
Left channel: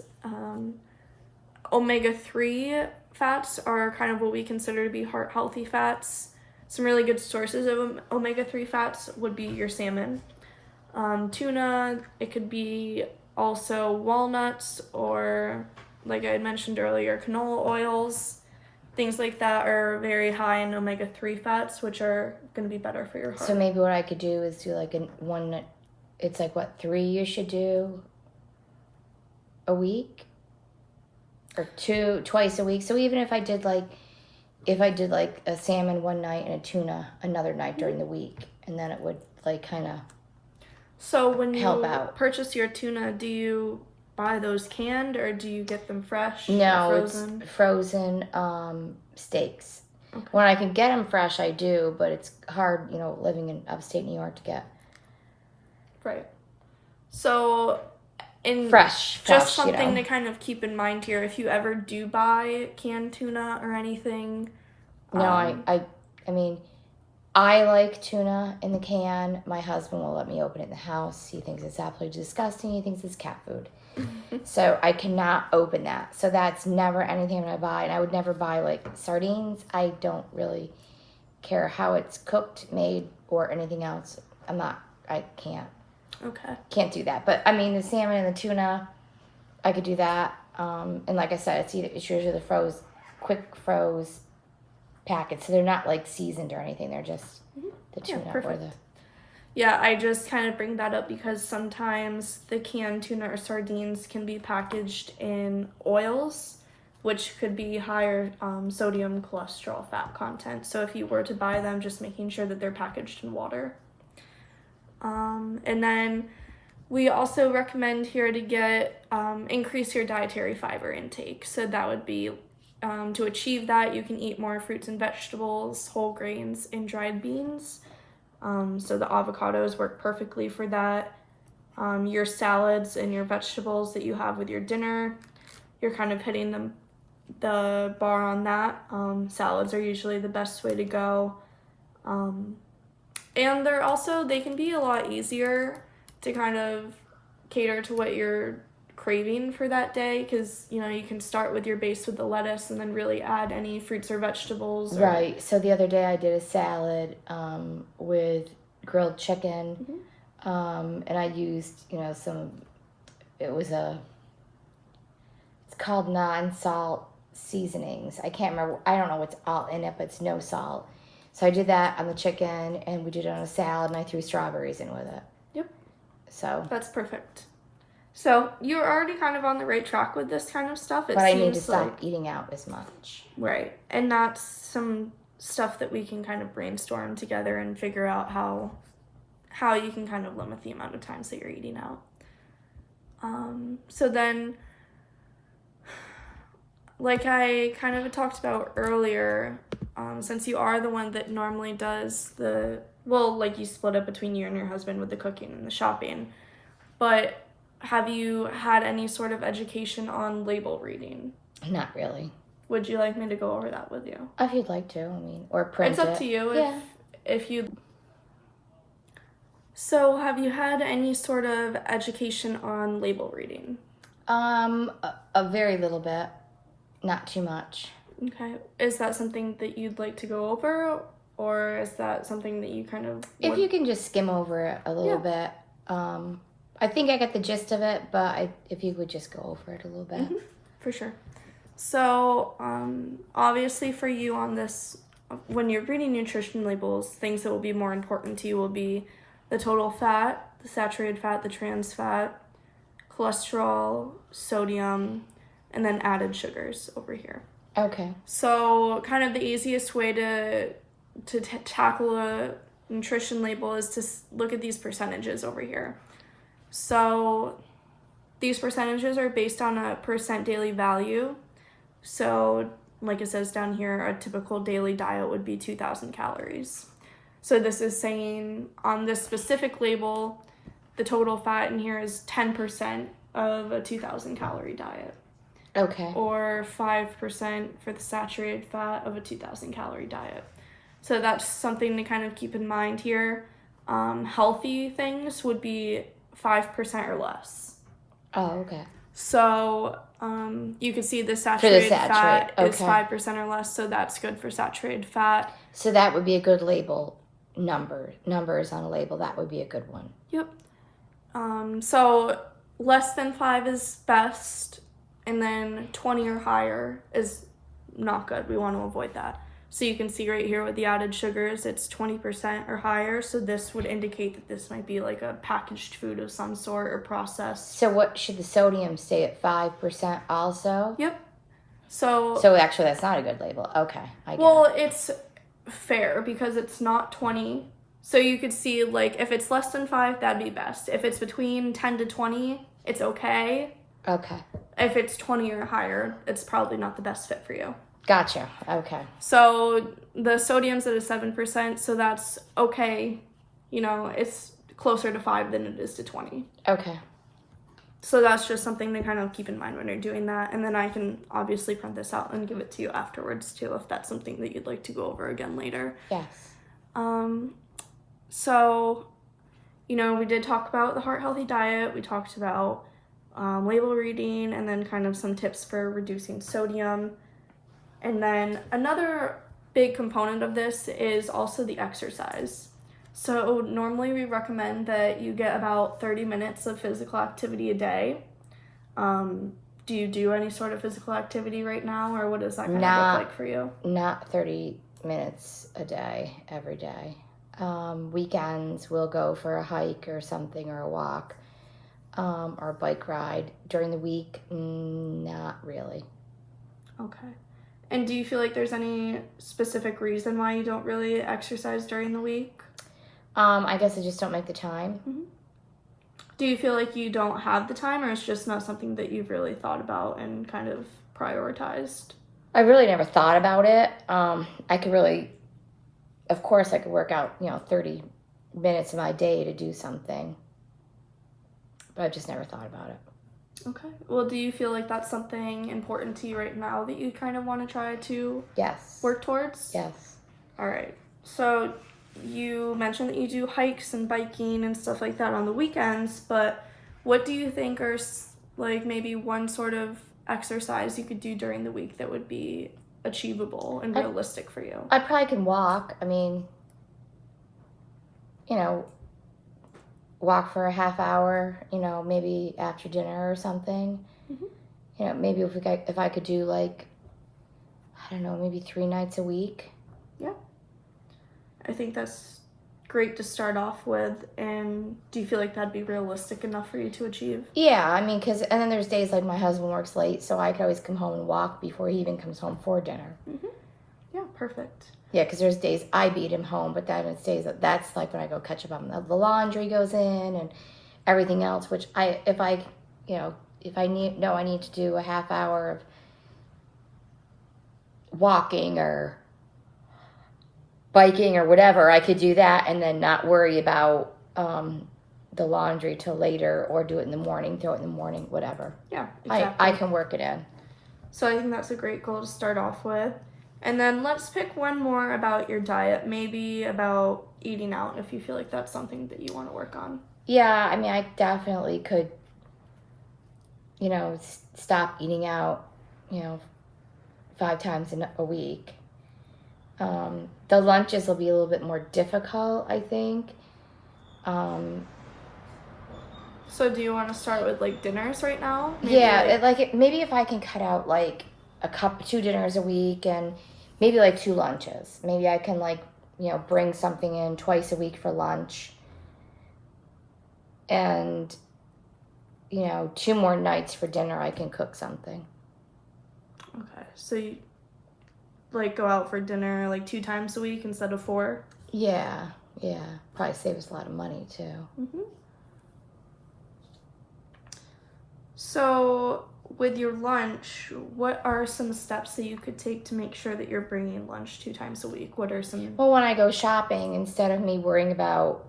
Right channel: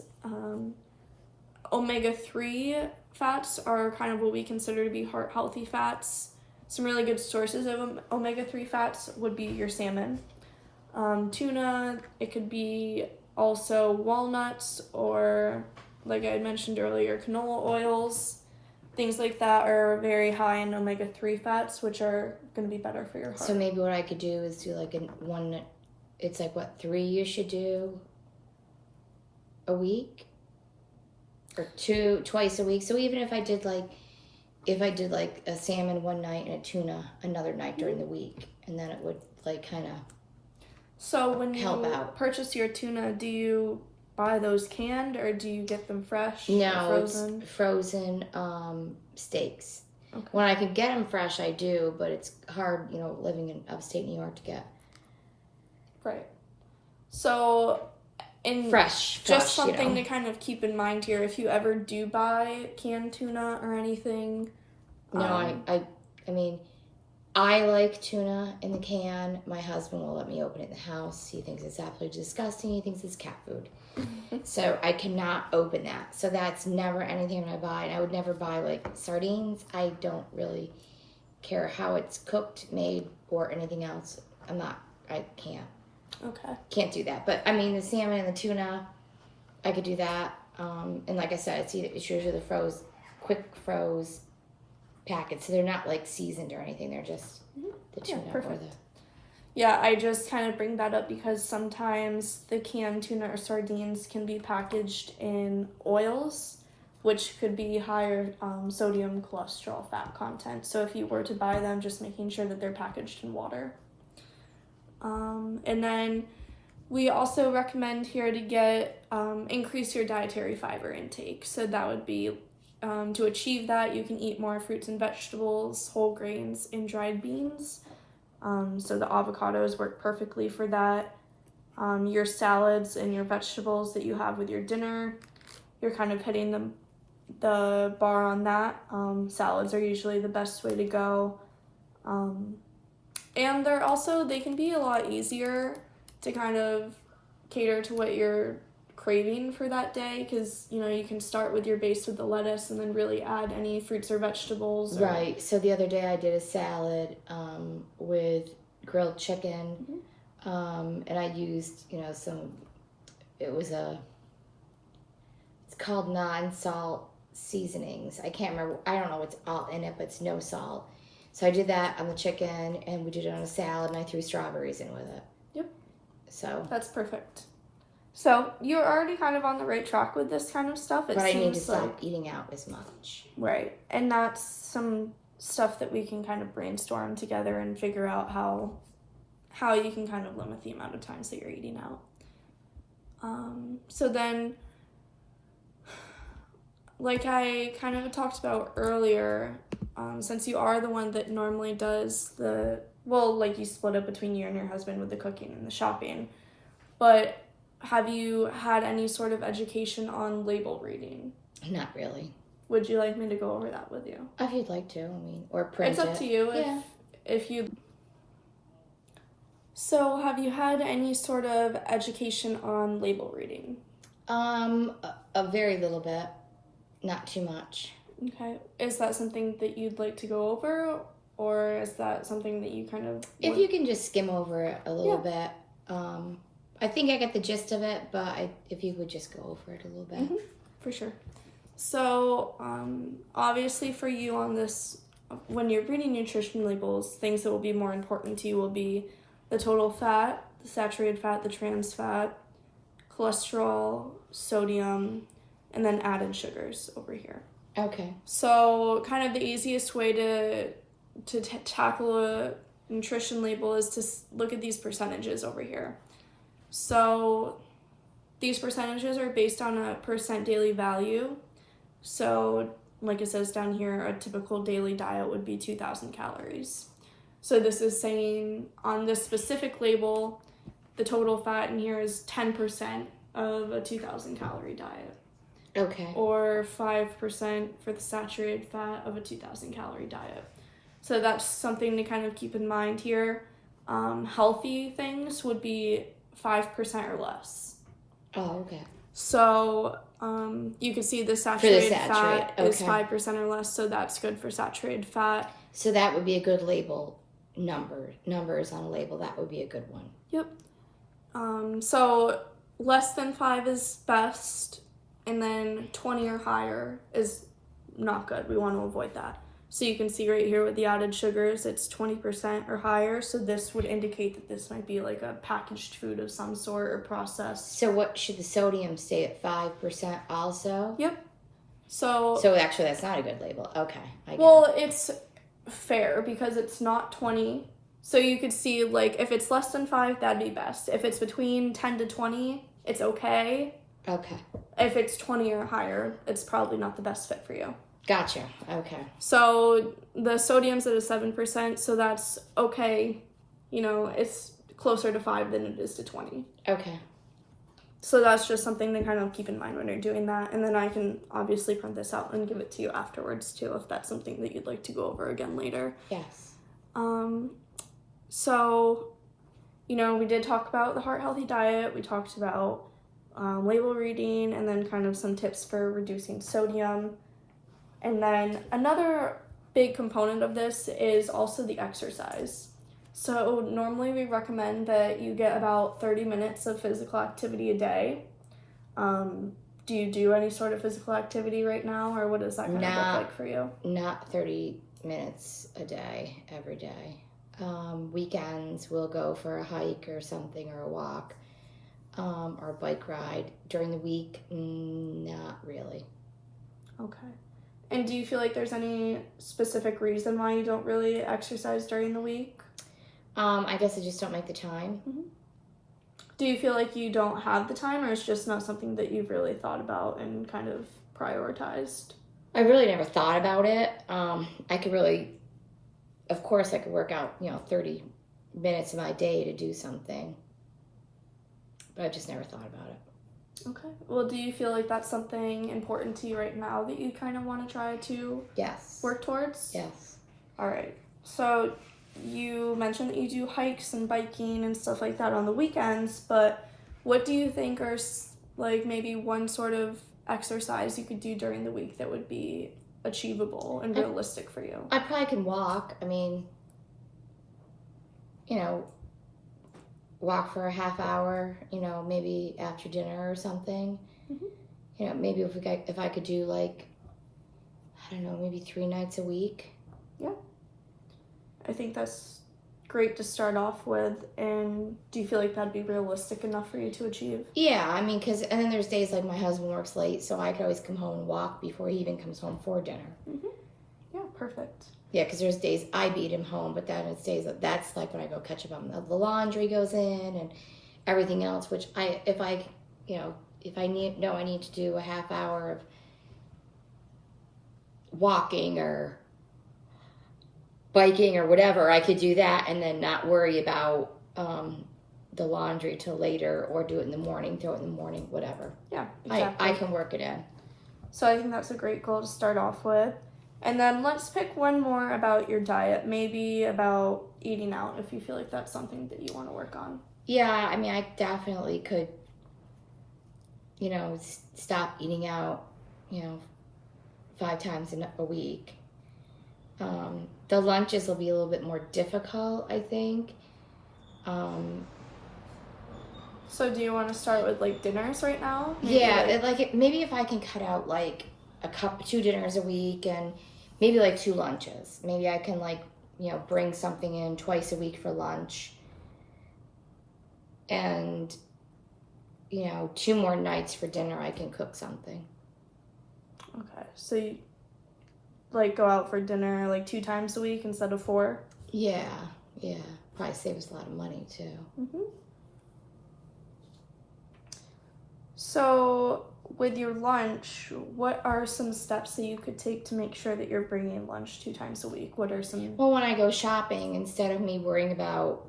Omega-3 fats are kind of what we consider to be heart-healthy fats. Some really good sources of omega-3 fats would be your salmon. Tuna, it could be also walnuts, or like I had mentioned earlier, canola oils. Things like that are very high in omega-3 fats, which are going to be better for your heart. So maybe what I could do is do like it's like 3 you should do a week? Or twice a week. So even if I did like a salmon one night and a tuna another night during the week, and then it would like kind of So when you help out. purchase your tuna, do you buy those canned or do you get them fresh No, or frozen? it's frozen steaks. Okay. When I can get them fresh, I do, but it's hard, living in upstate New York to get Right. So fresh. Just something to kind of keep in mind here, if you ever do buy canned tuna or anything. No, I mean, I like tuna in the can. My husband will let me open it in the house. He thinks it's absolutely disgusting. He thinks it's cat food. So I cannot open that. So that's never anything that I buy. And I would never buy like sardines. I don't really care how it's cooked, made, or anything else. I can't. Okay. Can't do that. But I mean, the salmon and the tuna, I could do that. And like I said, it's usually the quick froze packets. So they're not like seasoned or anything. They're just the tuna or the... Yeah, I just kind of bring that up because sometimes the canned tuna or sardines can be packaged in oils, which could be higher sodium, cholesterol, fat content. So if you were to buy them, just making sure that they're packaged in water. And then we also recommend here to increase your dietary fiber intake. So that would be, to achieve that, you can eat more fruits and vegetables, whole grains, and dried beans. So the avocados work perfectly for that. Your salads and your vegetables that you have with your dinner, you're kind of hitting the bar on that. Salads are usually the best way to go. And they can be a lot easier to kind of cater to what you're craving for that day, because you can start with your base with the lettuce and then really add any fruits or vegetables. Right. So the other day I did a salad with grilled chicken, and I used it's called non-salt seasonings. I can't remember. I don't know what's all in it, but it's no salt. So I did that on the chicken, and we did it on a salad, and I threw strawberries in with it. Yep. So that's perfect. So you're already kind of on the right track with this kind of stuff. But I need to stop eating out as much. Right. And that's some stuff that we can kind of brainstorm together and figure out how you can kind of limit the amount of times that you're eating out. So then, like I kind of talked about earlier, since you are the one that normally does you split up between you and your husband with the cooking and the shopping, but have you had any sort of education on label reading? Not really. Would you like me to go over that with you? If you'd like to, or print it. It's up to you if you... So have you had any sort of education on label reading? A very little bit. Not too much. Okay. Is that something that you'd like to go over, or is that something that you kind of... If you can just skim over it a little bit. I think I got the gist of it, but if you would just go over it a little bit. For sure. So, obviously for you on this, when you're reading nutrition labels, things that will be more important to you will be the total fat, the saturated fat, the trans fat, cholesterol, sodium, and then added sugars over here. Okay. So kind of the easiest way to tackle a nutrition label is to look at these percentages over here. So these percentages are based on a percent daily value. So like it says down here, a typical daily diet would be 2,000 calories. So this is saying on this specific label, the total fat in here is 10% of a 2,000 calorie diet. Okay. Or 5% for the saturated fat of a 2,000 calorie diet. So that's something to kind of keep in mind here. Healthy things would be 5% or less. Oh, okay. So you can see the saturated fat is 5% or less, so that's good for saturated fat. So that would be a good label numbers on a label. That would be a good one. Yep. So less than 5 is best, and then 20 or higher is not good. We want to avoid that. So you can see right here with the added sugars, it's 20% or higher. So this would indicate that this might be like a packaged food of some sort or processed. So what should the sodium stay at 5% also? Yep. So actually that's not a good label. Okay. It's fair because it's not 20. So you could see like if it's less than 5, that'd be best. If it's between 10 to 20, it's okay. Okay. If it's 20 or higher, it's probably not the best fit for you. Gotcha. Okay. So the sodium's at a 7%, so that's okay. It's closer to 5 than it is to 20. Okay. So that's just something to kind of keep in mind when you're doing that. And then I can obviously print this out and give it to you afterwards too, if that's something that you'd like to go over again later. Yes. So, we did talk about the heart healthy diet. We talked about label reading, and then kind of some tips for reducing sodium. And then another big component of this is also the exercise. So normally we recommend that you get about 30 minutes of physical activity a day. Do you do any sort of physical activity right now, or what does that kind of look like for you? Not 30 minutes a day, every day. Weekends we'll go for a hike or something, or a walk, or a bike ride. During the week, not really. Okay. And do you feel like there's any specific reason why you don't really exercise during the week? I guess I just don't make the time. Mm-hmm. Do you feel like you don't have the time, or it's just not something that you've really thought about and kind of prioritized? I really never thought about it. Of course I could work out, 30 minutes of my day to do something. But I've just never thought about it. Okay. Well, do you feel like that's something important to you right now that you kind of want to try to Yes. work towards? Yes. All right. So you mentioned that you do hikes and biking and stuff like that on the weekends, but what do you think are like maybe one sort of exercise you could do during the week that would be achievable and realistic for you? I probably can walk. I mean, you know, walk for a half hour, you know, maybe after dinner or something. Mhm. You know, maybe if I could do like, I don't know, maybe 3 nights a week. I think that's great to start off with. And do you feel like that'd be realistic enough for you to achieve? Yeah, I mean, and then there's days like my husband works late, so I could always come home and walk before he even comes home for dinner. Yeah, perfect. Yeah, because there's days I beat him home, but then it's days that's like when I go catch up on the laundry goes in and everything else. Which if I need to do a half hour of walking or biking or whatever, I could do that and then not worry about the laundry till later, or do it in the morning, throw it in the morning, whatever. Yeah, exactly. I can work it in. So I think that's a great goal to start off with. And then let's pick one more about your diet, maybe about eating out, if you feel like that's something that you want to work on. Yeah, I mean, I definitely could, stop eating out, 5 times a week. The lunches will be a little bit more difficult, I think. So do you want to start with like dinners right now? Maybe maybe if I can cut out like 2 dinners a week and maybe like 2 lunches. Maybe I can bring something in twice a week for lunch. And 2 more nights for dinner I can cook something. Okay. So you go out for dinner like 2 times a week instead of 4? Yeah. Probably saves a lot of money too. Mhm. So with your lunch, what are some steps that you could take to make sure that you're bringing lunch 2 times a week? What are some... Well, when I go shopping, instead of me worrying about,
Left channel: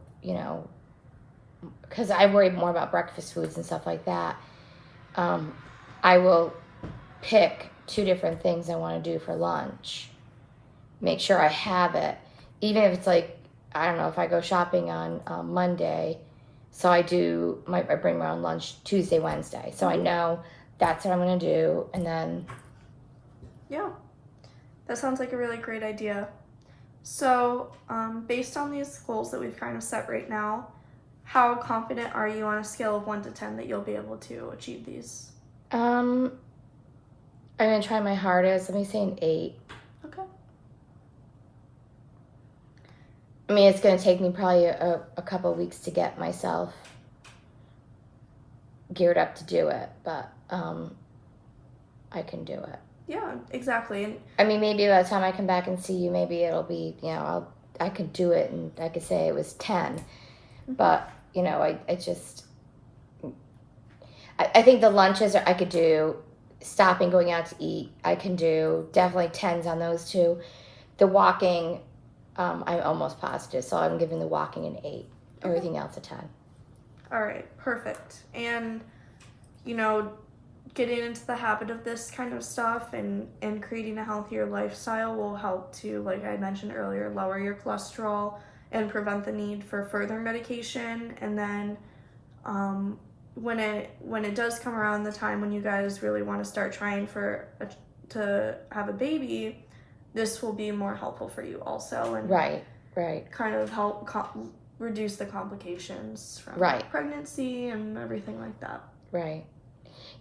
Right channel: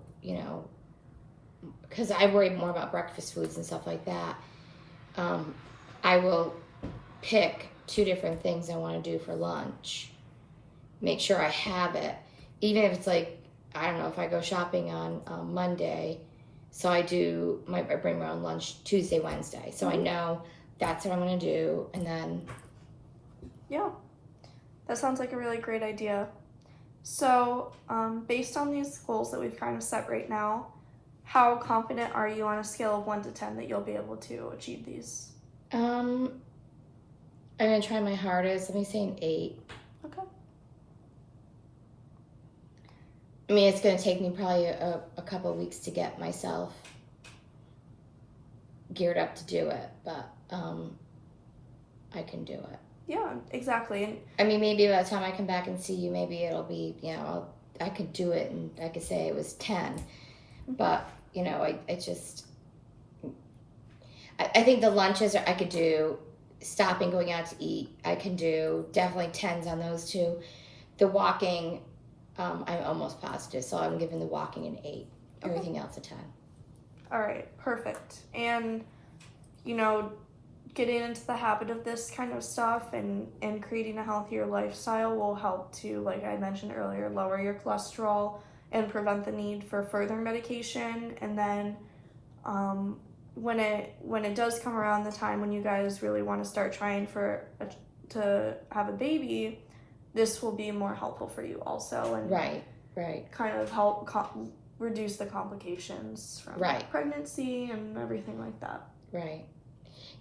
because I worry more about breakfast foods and stuff like that, I will pick 2 different things I want to do for lunch. Make sure I have it. Even if it's like, I don't know, if I go shopping on Monday, so I bring my own lunch Tuesday, Wednesday. So I know that's what I'm going to do. And then... Yeah, that sounds like a really great idea. So based on these goals that we've kind of set right now, how confident are you on a scale of 1 to 10 that you'll be able to achieve these? I'm going to try my hardest. Let me say an 8. Okay. I mean, it's going to take me probably a couple of weeks to get myself geared up to do it, but I can do it. Yeah, exactly. And I mean, maybe by the time I come back and see you, maybe it'll be, I could do it and I could say it was 10. But, I think the lunches I could do, stopping, going out to eat, I can do definitely 10s on those 2. The walking, I'm almost positive, so I'm giving the walking an 8. Everything else a 10. All right, perfect. And, getting into the habit of this kind of stuff and creating a healthier lifestyle will help to, like I mentioned earlier, lower your cholesterol and prevent the need for further medication. And then when it does come around the time when you guys really want to start trying to have a baby, this will be more helpful for you also. And right. Kind of help reduce the complications from pregnancy and everything like that. Right.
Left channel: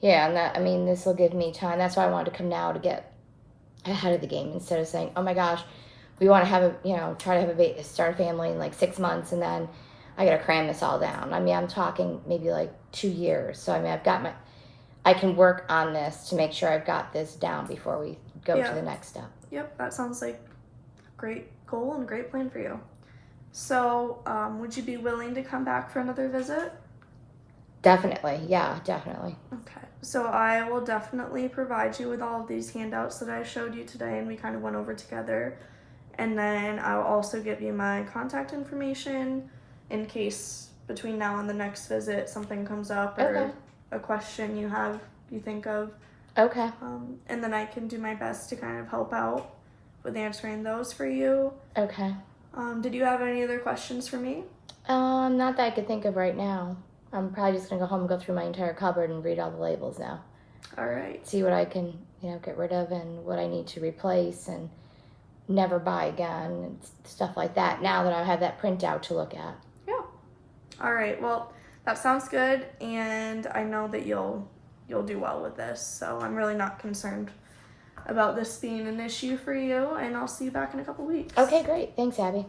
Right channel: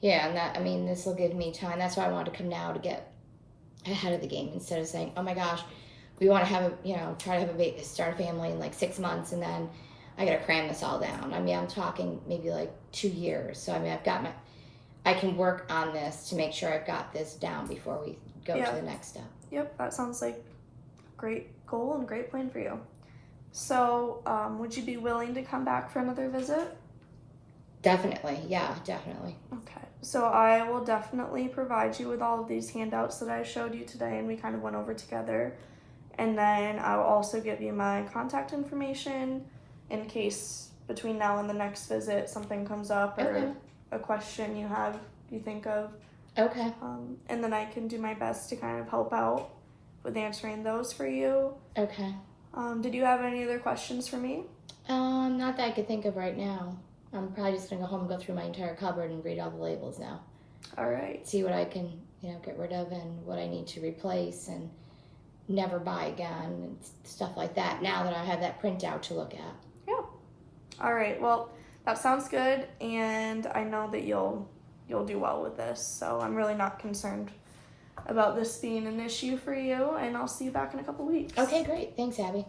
Yeah, and this will give me time. That's why I wanted to come now, to get ahead of the game, instead of saying, oh my gosh, we want to have try to have a baby, start a family in like 6 months, and then I got to cram this all down. I mean, I'm talking maybe like 2 years. So, I mean, I can work on this to make sure I've got this down before we go to the next step. Yep, that sounds like a great goal and a great plan for you. So, would you be willing to come back for another visit? Definitely, yeah, definitely. Okay, so I will definitely provide you with all of these handouts that I showed you today and we kind of went over together. And then I'll also give you my contact information in case between now and the next visit something comes up or a question you think of, Okay. and then I can do my best to kind of help out with answering those for you. Okay. Did you have any other questions for me? Not that I could think of right now. I'm probably just gonna go home and go through my entire cupboard and read all the labels now. All right. See what I can, get rid of and what I need to replace and never buy again and stuff like that. Now that I have that printout to look at. Yeah. All right. Well, that sounds good, and I know that you'll do well with this. So I'm really not concerned about this being an issue for you, and I'll see you back in a couple weeks. Okay, great. Thanks, Abby.